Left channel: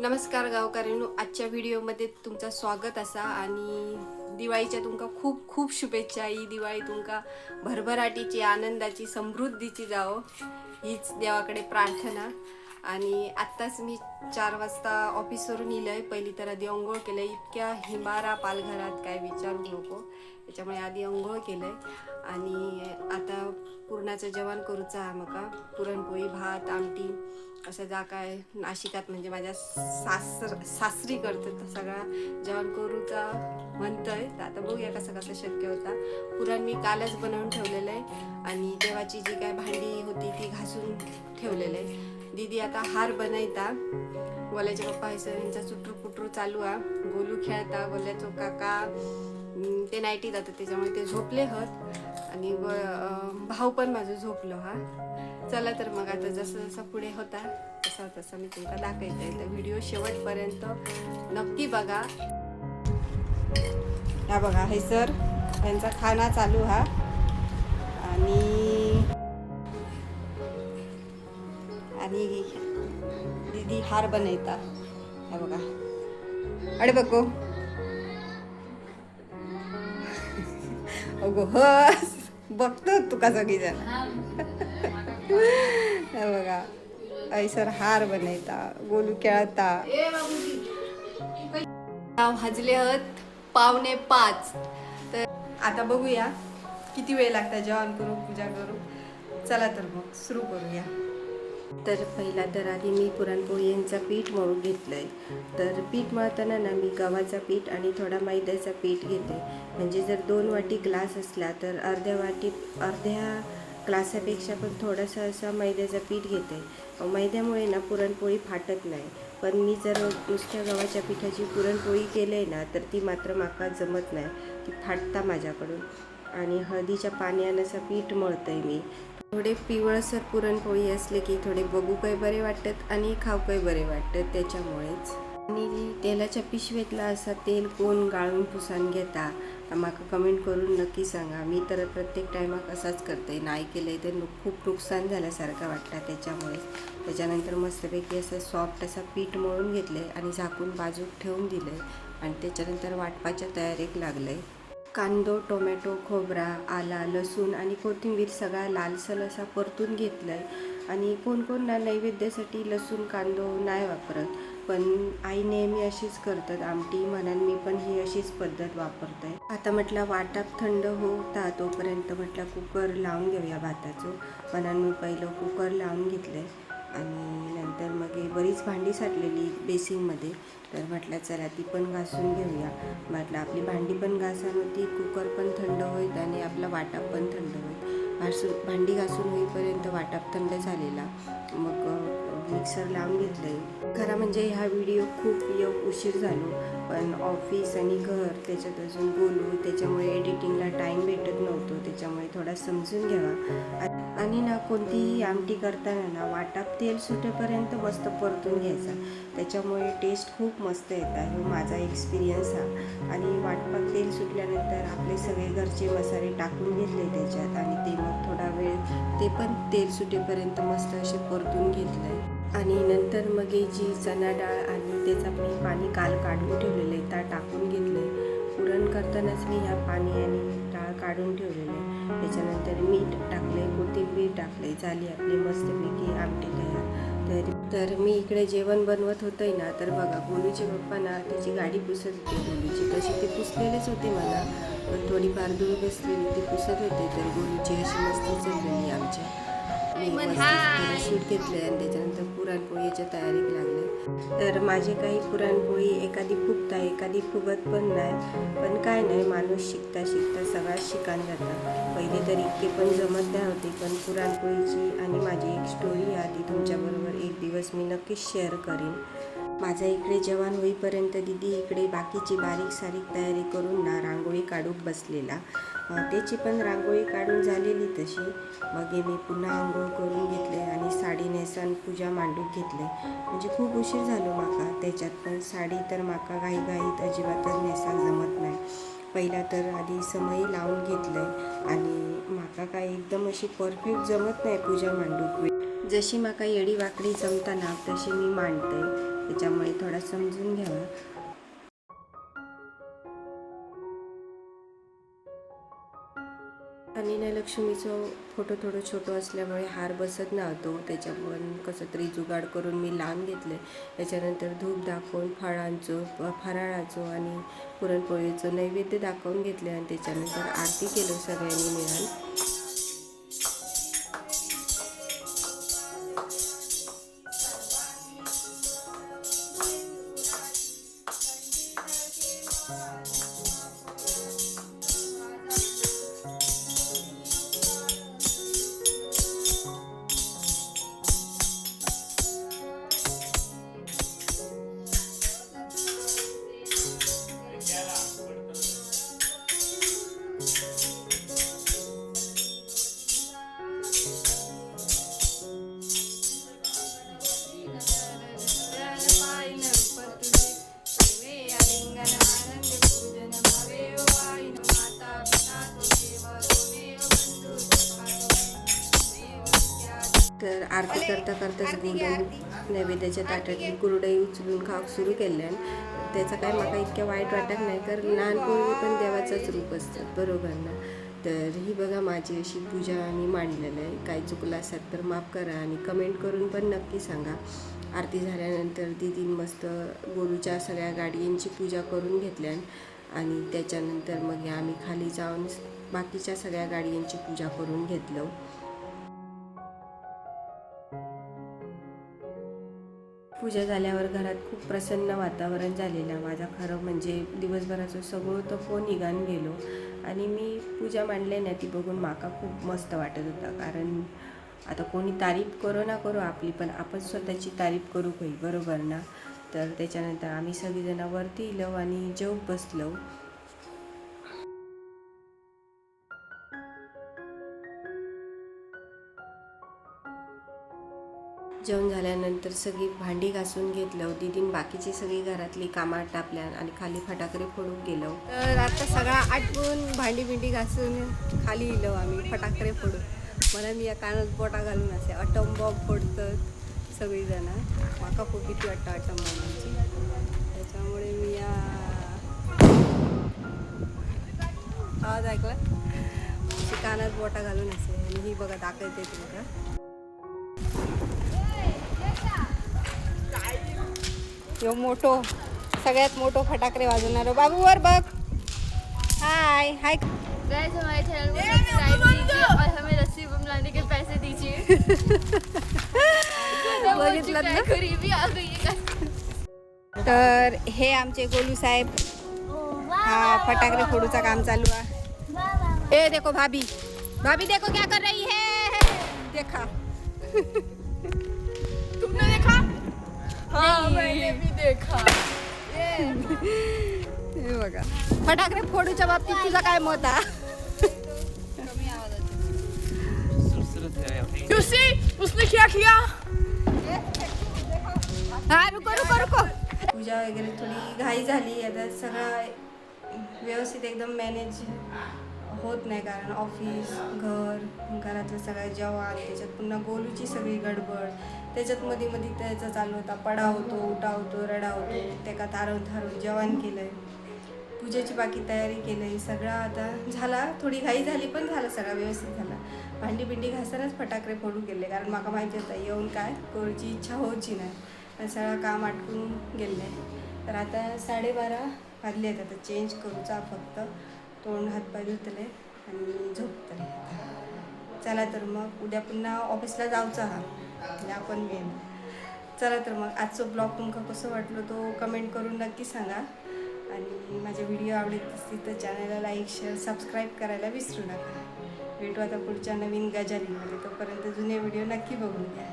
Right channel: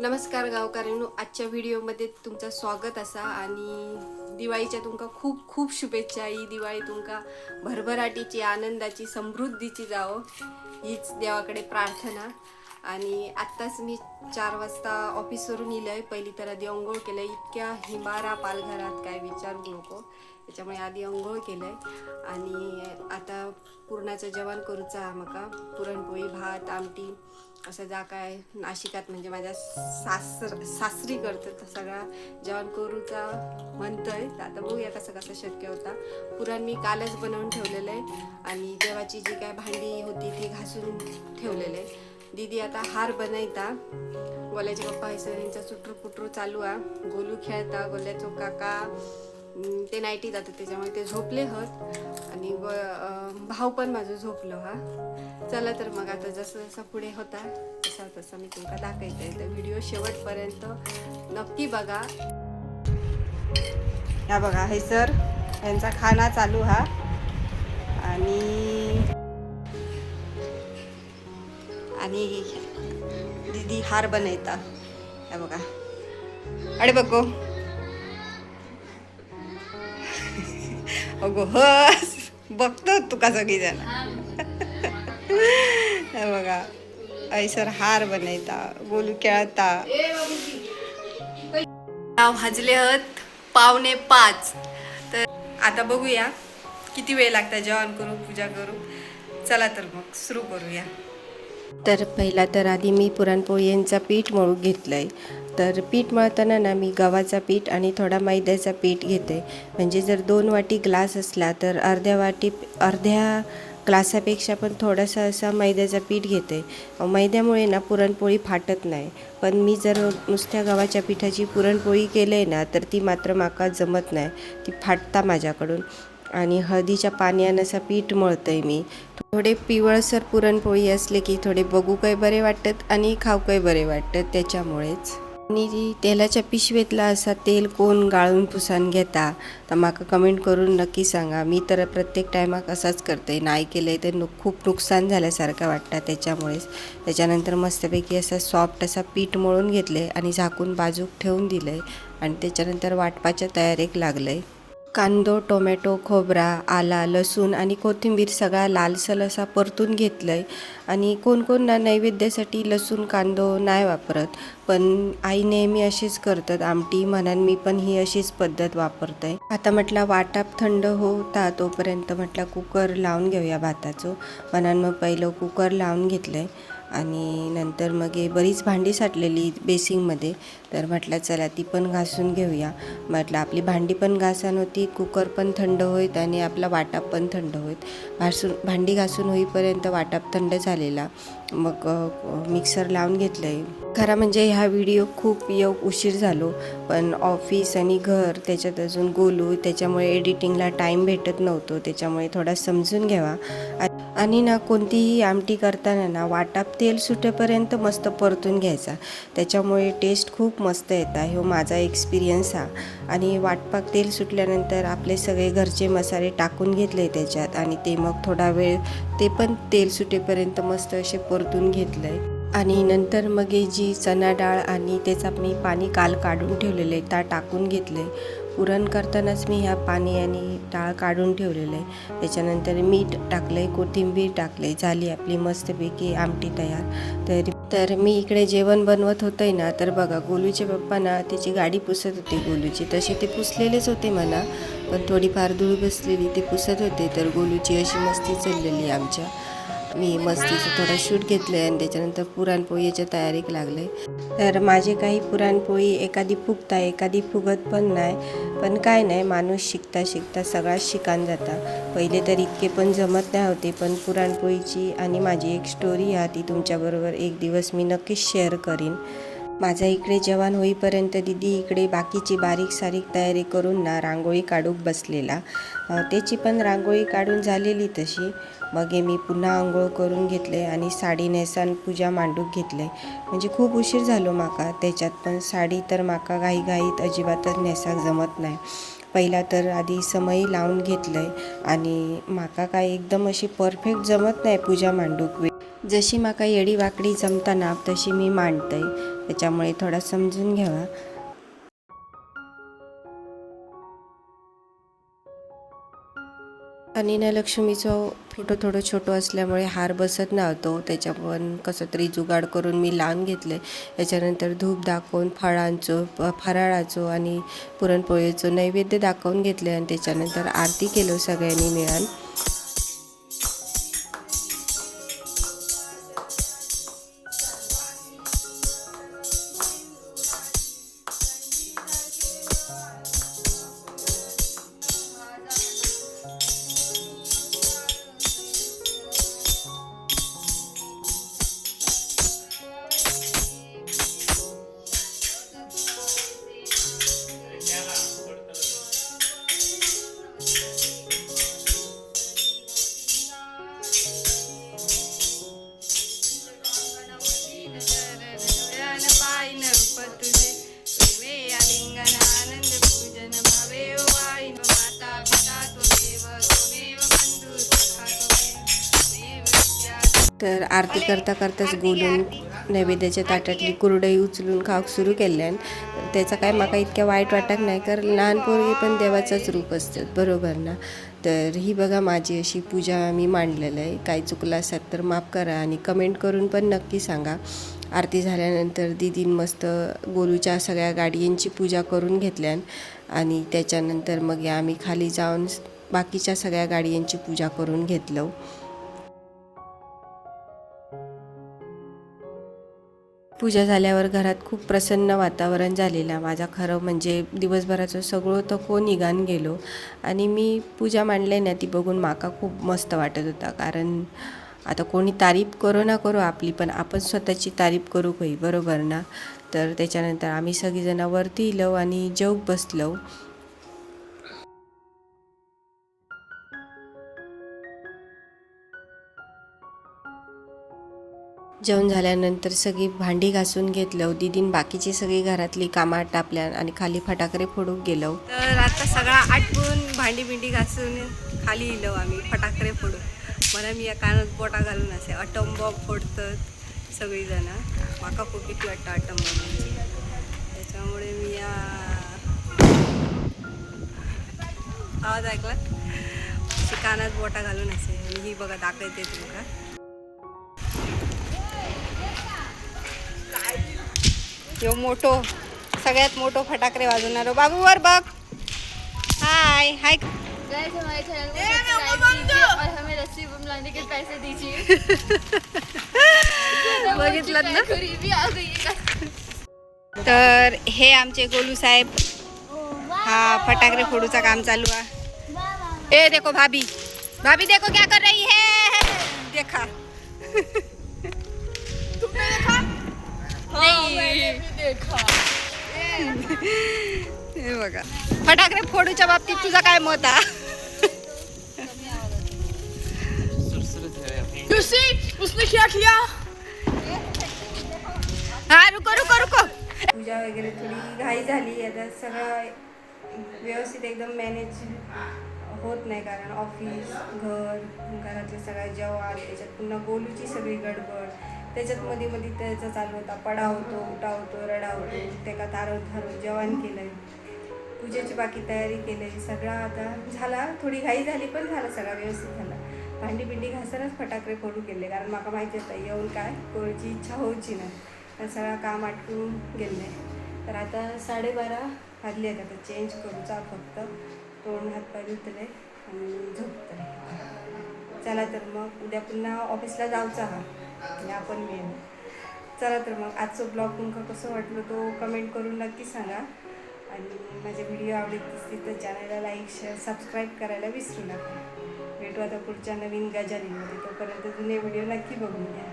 नमस्कार गावकऱ्यांनो, आजच्या व्हिडिओमध्ये तुमचं स्वागत असा आणि दिवाळीच्या तुमका खूप खूप शुभेच्छा। ही दिवाळी तुमका भरभराटीची, आनंदाची, समृद्धीची जावो हीच देवाकडे प्रार्थना। आणि आत्ताच मी 4 वाजता ऑफिसवरून इलंय। पहिली तर आधी अंघोळ केलंय। इतक्या हिमारा पालघरात काय विचारू नको, त्याच्यामुळे आधी अंघोळ केलंय आणि आता पुरणाचं जेवण करूचा म्हाका। पुरणपोळी, भात, आमटी असं जा काय नाशिकात म्हणजे माझ्या सासरी करतात सगळा जेवण करूचा म्हणतंय। तर आता बघूया कसं कसं शक्य होता। पुरण मी कालच बनवून ठेवलेलं आहे आणि देवाची जी काय भांडी होती ती घासून ठेवलेलं आहे। दीदी आता हार बनायता। गोल्याचे पप्पा यांचा चुटरू पुटरू चालू आहे। गोलू खेळता, गोल्याचो काका ते नाईटी जातात त्याच्यामुळे ते झोपले हत आणि भाऊ पण माझं झोपलो हा। चला तर मग आता जसं जसं पुढे होता तसा तसा मी तुमका दाखवते। तर व्हिडिओ शेवटपर्यंत नक्की बघा। ह्या बघा हे सर यांचा खाना चालू हा आणि दीदी हार बनवता। ह्या बघा, अरे बघो अगो हस बघतो तुका सगळी जण। हे बघा ऐसर हार बनवता, गोलू खेळता। वाजले हत 4:45। तर आता बघूया किती वेळ लागता जेवण करू, पूजा करू। चला तर मग सुरू करूया। तर पहिला तर आधी मी पुरणपोळींचा पीठ मळून घेतलंय। तर पीठ मळताना ना मी गव्हाचा पीठ आणि थोडा मैद्याचा पीठ घेते। म्हणजे जर 2 वाटी ग्लास असला तर अर्ध्या ग्लासापेक्षा पण थोडासा असा मैद्याचा पीठ घेते। मैद्यामुळे ना पुरणपोळी फाटत नाही। पण मी जर नुसत्या गव्हाच्या पिठाची पुरणपोळी केली ना तर ती मात्र माका जमत नाही, ती फाटता माझ्याकडून। आणि हळदीच्या पाण्यानं असं पीठ मळतंय मी। थोडे पिवळसर पुरणपोळी असले की थोडे बघू काही बरे वाटतात आणि खाऊ काही बरे वाटतात, त्याच्यामुळेच। आणि तेलाच्या पिशवीतला असा तेल कोण गाळून पुसान घेता तर माका कमेंट करून नक्की सांगा। मी तर प्रत्येक टायमाक असंच करते, नाही केलंय तर खूप नुकसान झाल्यासारखं वाटतं, त्याच्यामुळेच। त्याच्यानंतर मस्तपैकी असं सॉफ्ट असा पीठ मळून घेतले आणि झाकून बाजूक ठेवून दिलंय आणि त्याच्यानंतर वाटपाच्या तयारीक लागलंय। कांदो, टोमॅटो, खोबरा, आला, लसूण आणि कोथिंबीर सगळा लालसर असा परतून घेतलंय। आणि कोण कोण ना नैवेद्यासाठी लसूण कांदो नाही वापरत, पण आई नेहमी अशीच करतात आमटी म्हणून मी पण ही अशीच पद्धत वापरते। आता म्हटलं वाटाप थंड होता तोपर्यंत म्हटलं कुकर लावून घेऊया भाताचं, म्हणून मग पहिलं कुकर लावून घेतलंय। आणि नंतर मग बरीच भांडी साठलेली बेसिंगमध्ये, तर म्हटलं चला ती पण घासून घेऊया। म्हटलं आपली भांडी पण घासून होती, कुकर पण थंड होईत आणि आपला वाटाप पण थंड होईत। भांडी घासून होईपर्यंत वाटाप थंड झालेला, मग मिक्सर लावून घेतलंय। खरं म्हणजे ह्या व्हिडिओ खूप उशीर झालो, पण ऑफिस आणि घर त्याच्यात अजून गोलू, त्याच्यामुळे एडिटिंगला टाईम भेटत नव्हतो, त्याच्यामुळे थोडा समजून घ्यावा। आणि ना कोणतीही आमटी करताना ना वाटाप तेल सुटेपर्यंत मस्त परतून घ्यायचा, त्याच्यामुळे टेस्ट खूप मस्त येतं। हे माझा एक्सपिरियन्स हा। आणि वाटपाक तेल सुटल्यानंतर आपले सगळे घरचे मसाले टाकून घेतले त्याच्यात आणि ते मग थोडा वेळ ते पण तेल सुटेपर्यंत मस्त असे परतून घेतलंय। आणि नंतर मग जी चणा डाळ आणि त्याचं मी पाणी काल काढून ठेवलेलं आहे त्या टाकून घेतले। पुरण करतानाच मी ह्या पाणी आणि डाळ काढून ठेवलेलं आहे। त्याच्यानंतर मीठ टाकलंय, कोथिंबीर टाकले, झाली आपली मस्तपैकी आमटी तयार। तर मी इकडे जेवण बनवत होते ना, तर बघा गोलूचे पप्पा ना त्याची गाडी पुसत होते गोलूची, तशी ते पुसलेलेच होते म्हणा, पण थोडीफार धूळ बसलेली ते पुसत होते। तर गोलूची अशी मस्ती चाललेली आमच्या। मी मस्तीचं थोडं शूट घेतलं आणि त्याच्यानंतर पुरणपोळीच्या तयारीक लागले। तर माझे काही पुरणपोळी एखादी फुगता एखादी फुगत पण नाही, पण काय नाही, माणूस शिकता शिकता सगळाच शिकान जाता। पहिले तर इतके पण जमत नाही होते, पण पुरणपोळीची आणि माझी एक स्टोरी आहे ती तुमच्याबरोबर एक दिवस मी नक्कीच शेअर करीन। माझ्या इकडे जेवण होईपर्यंत दीदी इकडे बाकीची बारीक सारीक तयारी करून ना रांगोळी काढूक बसलेला। त्याची पण रांगोळी काढून झालेली तशी। मग मी पुन्हा आंघोळ करून घेतले आणि साडी नेसान पूजा मांडूक घेतले। म्हणजे खूप उशीर झालो माका त्याच्यात, पण साडी तर माका घाईघाईत अजिबातच नेसाक जमत नाही। पहिला तर आधी समई लावून घेतलंय आणि माका काय एकदम अशी परफेक्ट जमत नाही पूजा मांडूक। जशी माका येडी वाकडी जमताना तशी मी मांडतय, त्याच्यामुळे थोडा समजून घ्यावा. आणि ना लक्ष्मीचं फोटो थोडं छोटं असल्यामुळे हार बसत नव्हतो, त्याच्यावर कसं तरी जुगाड करून मी लावून घेतले. त्याच्यानंतर धूप दाखवून फराळाचं आणि पुरणपोळीचं नैवेद्य दाखवून घेतले आणि त्याच्यानंतर आरती केलं सगळ्यांनी मिळून. तर आरती करता करताच बोलून नैवेद्याच्या ताटातली कुरडई उचलून खाऊक सुरू केल्यान त्याचा काय माका इतक्या वाईट वाटत नाही, कारण लहान पोरगी पण देवाचंच रूप असतात, बरोबर ना. तर ही बघा माझी अशी पूजा मी मांडलेलं आहे. काही चुकलं असेल तर माफ करा आणि कमेंट करून पण नक्की सांगा. आरती झाल्यानंतर दीदीन मस्त गोलूच्या सगळ्या गाडींची पूजा करून घेतल्यान आणि त्याच्यानंतर मग आम्ही खाली जाऊन बाकीच्या सगळ्या गाडींची पूजा करून घेतलं. पूजा झाल्यावर घरात खूप प्रसन्न वातावरण झालेलं. माझा खरं म्हणजे दिवसभराचं सगळं तको निघान गेलो आणि मी पूजा मांडली ना ती बघून माका खूप मस्त वाटत होता. कारण आता कोणी तारीफ करो ना करो आपली, पण आपण स्वतःची तारीफ करू काही, बरोबर ना. तर त्याच्यानंतर आम्ही सगळीजणं वरती इलो आणि जेवूक बसलो. जेवण झाल्यानंतर सगळी भांडी घासून घेतलं. दीदीन बाकीची सगळी घरातली कामं टापल्या आणि खाली फटाकडे फोडूक गेलो. तर आता सगळा आटपून भांडी घासून खाली इलो आम्ही फटाकडे फोडू. मला मी या कानात बोटा घालून असे अटम बॉम्ब फोडतात सगळीजण. माका खूप भीती वाटतं अटम बॉम्बची, त्याच्यामुळे मी या आवाज ऐकला कानात बोटा घालून असे. आणि ही बघा दाखवते तुमका. यो मोठो सगळ्यात मोठो फटाकडे वाजवणारो बाबू वर बघ. हाय हाय गाइस, हमारे चैनल को सब्सक्राइब कीजिए और हमें रस्सी बम लाने के पैसे दीजिए. बघितलं ना. गरीबी आ गई है. तर हे आमचे गोलू साहेब, हा फटाकडे फोडूचा काम चालू आहे. ए देखो भाभी, भाभी देखो क्या कर रही है, देखा. हाँ, मैंने भी देखा. हे बघा फटाकडे फोडूच्या बाबतीत तुझा काय मत आहे? You see, उसने क्या किया? हा रुको. पूजा वगैरे थोडी घाई झाली. आता सगळं व्यवस्थित एकदम मॅनेज होत नाही, कारण ऑफिस, घरातलं सगळं जेवण, त्याच्यात पुन्हा गोलूची सगळी गडबड, त्याच्यात मध्ये त्याचा चालू होता पडा होतो, उठा होतो, रडा होतो. त्याका थारवून जेवण केलंय, पूजेची बाकी तयारी केली, सगळं आता झाला. थोडी घाई झाली पण झालं, सगळं व्यवस्थित झाला. भांडी घासूनच फटाकडे फोडू गेले, कारण माका माहिती होतं येऊन काय कोणाची इच्छा होऊची नाही. सगळं काम आटकून गेले. तर आता 12:30 वाजले आहेत. आता चेंज करूचा, फक्त तोंड हातपाय धुतले आणि झोपतले. चला तर मग उद्या पुन्हा ऑफिसला जाऊचा हा आपण मेन. चला तर मग आजचं ब्लॉग तुमका कसं वाटलं तो कमेंट करून नक्की सांगा. आणि माझे व्हिडिओ आवडत असतील तर चॅनलला लाईक, शेअर, सबस्क्राईब करायला विसरू नका. भेटू आता पुढच्या नवीन गजालीमध्ये. तोपर्यंत जुने व्हिडिओ नक्की बघून घ्या.